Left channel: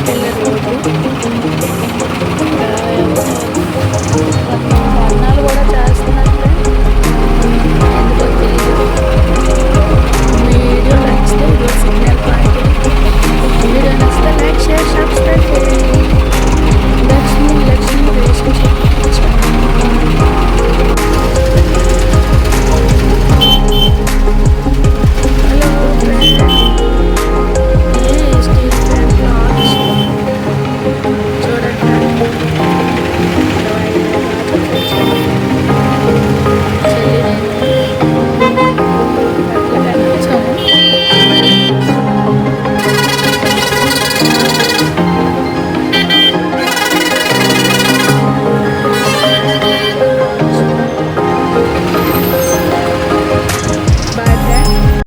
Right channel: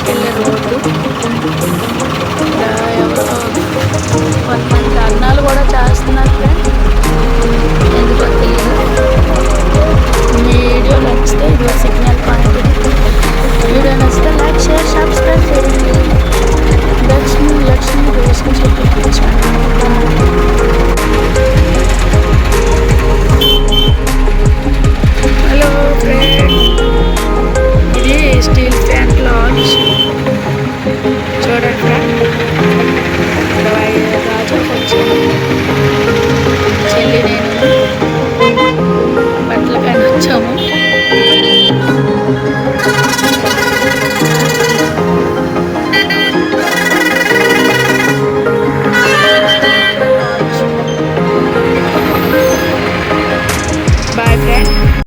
బయటకు వెళ్ళే రోడ్డు. ఇక్కడ ఎవరో కొంతమంది అన్నాలు కూడా చేస్తున్నారు ఫ్రెండ్స్, ఎందుకో తెలీదు. మీ వీడియో నచ్చితే ఇది సిగ్నల్ పాయింట్. ఇది వీడియో నచ్చితే లైక్, షేర్, సబ్స్క్రైబ్ చేయండి. Lakshmi relationship channel. Hello friend, ఇది స్టీల్ ప్లాంట్ లాడ్జ్ చూడండి ఫ్రెండ్. గాజులకు వచ్చాను, చెల్లి నేను బట్టలకైనా వచ్చాము. Boy friend.